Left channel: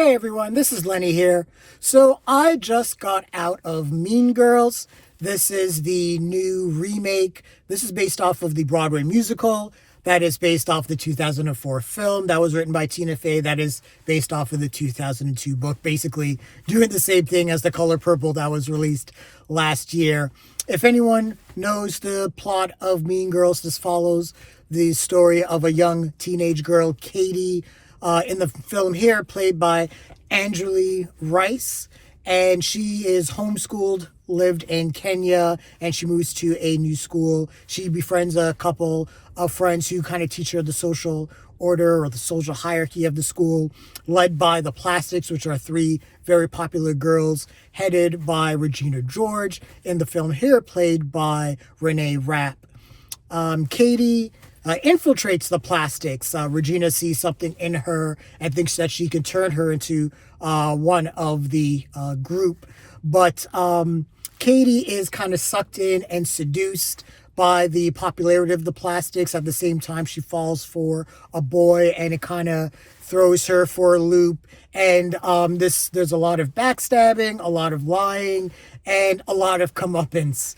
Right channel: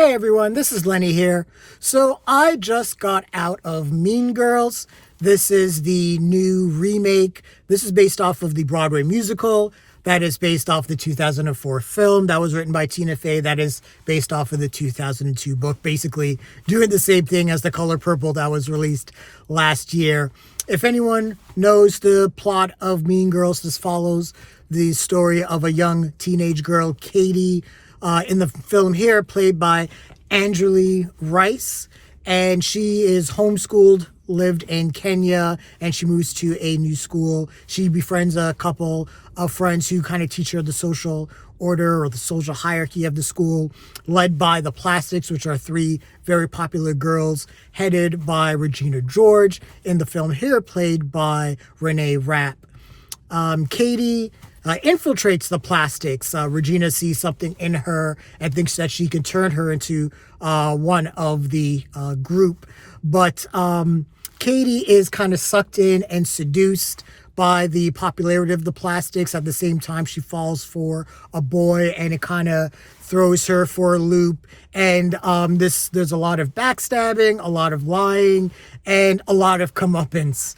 Hey everyone, this is Lenny here. So I just got out of Mean Girls. This is the new remake. This is based off of the Broadway musical. That is based off the 2004 film that was written by Tina Fey. That is based off of the 2002 book, basically doing the same thing as The Color Purple that was released last year. If anyone knows the plot of Mean Girls, this follows the story of a young teenage girl, Cady, in the film here, played by Angourie Rice. And she is homeschooled, lived in Kenya, and she moves to a new school. She befriends a couple of friends who kind of teach her the social order or the social hierarchy of the school, led by the Plastics, which are three very popular girls, headed by Regina George, in the film here, played by Reneé Rapp. Cady infiltrates the Plastics. Regina sees something in her and thinks that she can turn her into one of the group. But Cady is kind of sucked in and seduced by the popularity of the Plastics. At the same time, she falls for a boy, and it kind of throws her for a loop. And there's a lot of backstabbing, a lot of lying, and a lot of comeuppance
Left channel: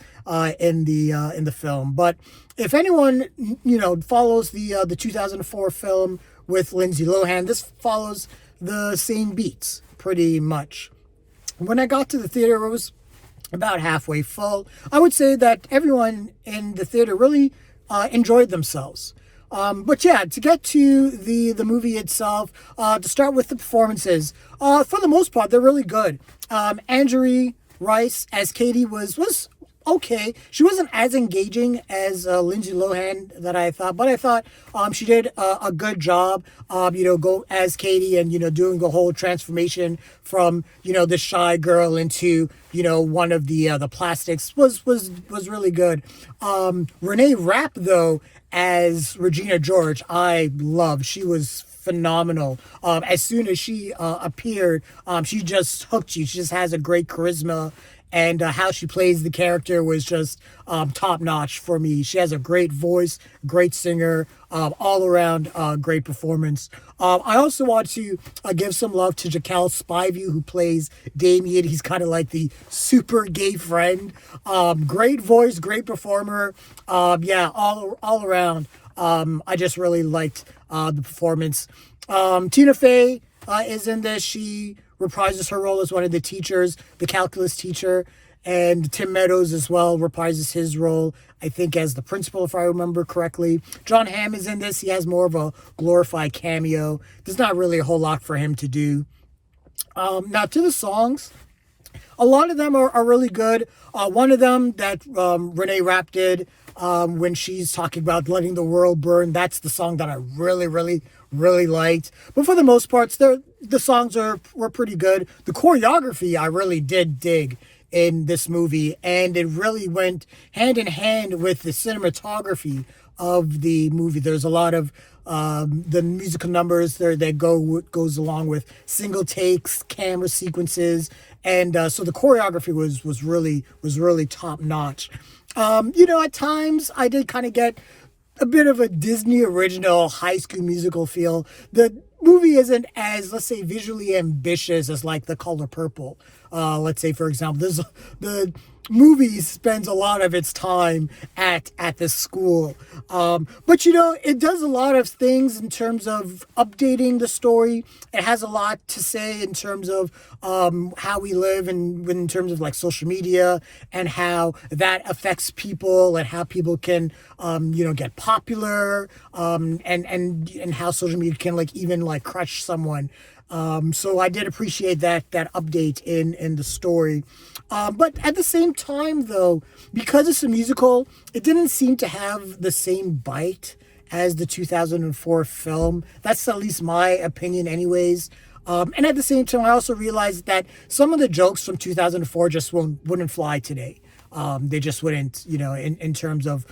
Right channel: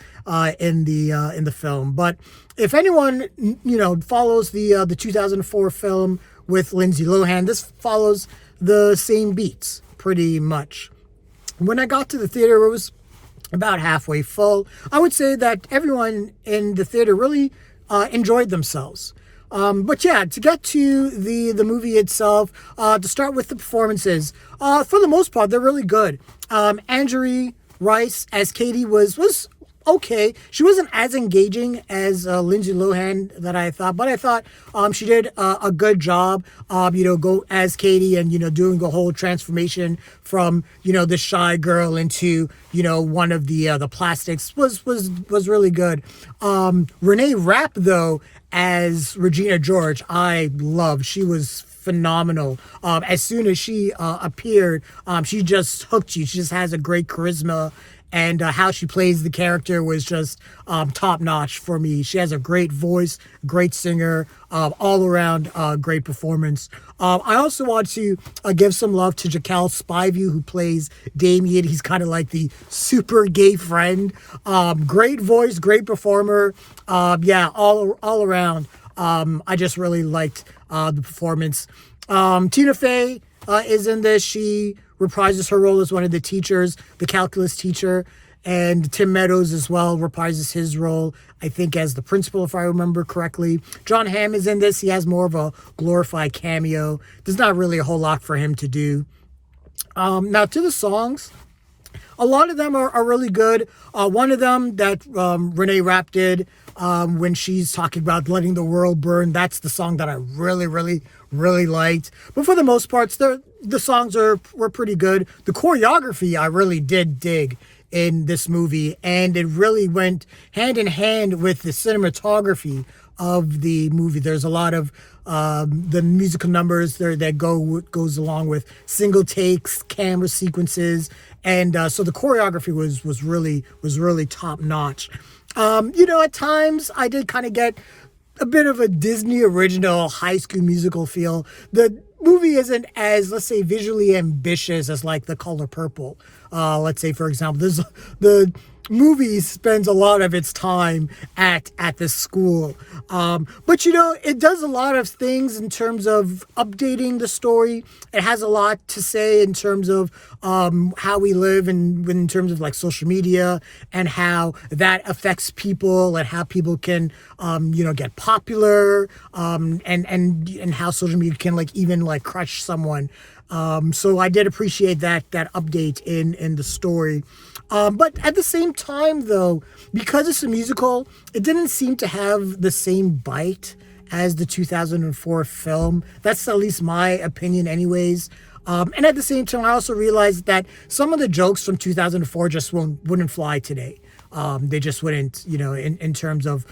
in the film. But if anyone follows the 2004 film with Lindsay Lohan, this follows the same beats pretty much. When I got to the theater, it was about halfway full. I would say that everyone in the theater really enjoyed themselves. But yeah, to get to the movie itself, to start with the performances, for the most part, they're really good. Angourie Rice as Cady was okay. She wasn't as engaging as Lindsay Lohan that I thought, but I thought she did a good job. Go as Cady and doing the whole transformation from the shy girl into one of the Plastics was really good. Reneé Rapp though as Regina George, I loved. She was phenomenal. As soon as she appeared, she just hooked you. She just has a great charisma. And how she plays the character was just top notch for me. She has a great voice, great singer, all around great performance. I also want to give some love to Jaquel Spivey, who plays Damian. He's kind of like the super gay friend. Great voice, great performer. All around. I just really liked the performance. Tina Fey is in this. She reprises her role as one of the teachers, the calculus teacher, and Tim Meadows as well reprises his role, I think, as the principal, if I remember correctly. John Hamm is in this. He has more of a glorified cameo. There's not really a whole lot for him to do. Now, to the songs, a lot of them are really good. One of them that Reneé Rapp did when she's talking about letting the world burn, that's the song that I really liked. But for the most part, the songs were pretty good. The choreography I really did dig in this movie, and it really went hand in hand with the cinematography of the movie. There's a lot of the musical numbers there that goes along with single takes, camera sequences, and so the choreography was really top notch. At times I did kind of get a bit of a Disney original High School Musical feel. The movie isn't as, let's say, visually ambitious as like The Color Purple. Let's say, for example, the movie spends a lot of its time at this school. But it does a lot of things in terms of updating the story. It has a lot to say in terms of how we live and in terms of like social media and how that affects people and how people can get popular and how social media can even crush someone. So I did appreciate that update in the story. But at the same time, though, because it's a musical, it didn't seem to have the same bite as the 2004 film. That's at least my opinion anyways. And at the same time, I also realized that some of the jokes from 2004 just wouldn't fly today. They just wouldn't, in terms of,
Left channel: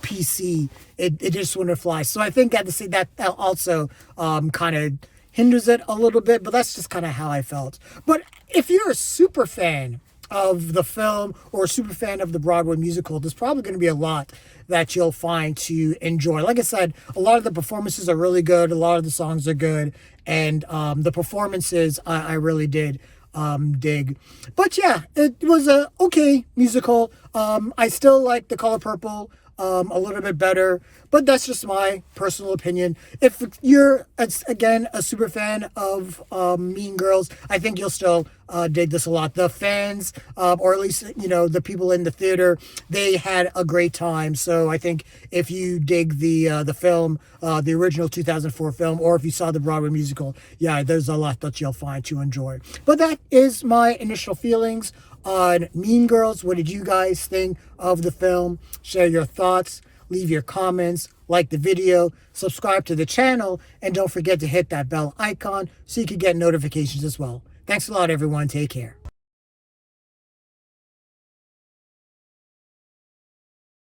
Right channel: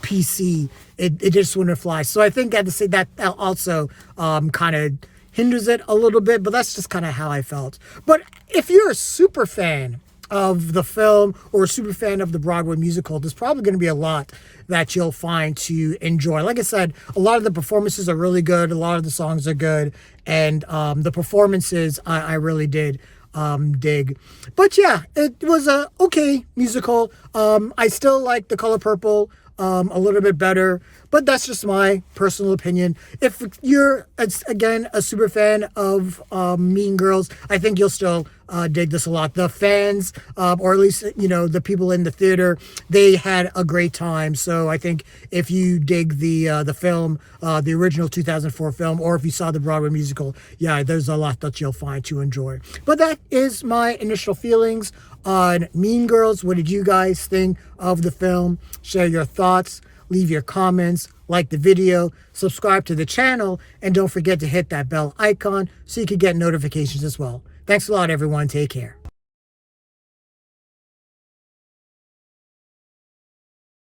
PC, it just wouldn't fly. So I think I had to say that also kind of hinders it a little bit, but that's just kind of how I felt. But if you're a super fan of the film or a super fan of the Broadway musical, there's probably going to be a lot that you'll find to enjoy. Like I said, a lot of the performances are really good. A lot of the songs are good. And the performances I really did dig. But yeah, it was a okay musical. I still like The Color Purple a little bit better, but that's just my personal opinion. If you're, again, a super fan of Mean Girls, I think you'll still dig this a lot. The fans, or at least, the people in the theater, they had a great time. So I think if you dig the film, the original 2004 film, or if you saw the Broadway musical, yeah, there's a lot that you'll find to enjoy. But that is my initial feelings on Mean Girls. What did you guys think of the film? Share your thoughts, leave your comments, like the video, subscribe to the channel, and don't forget to hit that bell icon so you can get notifications as well. Thanks a lot, everyone. Take care.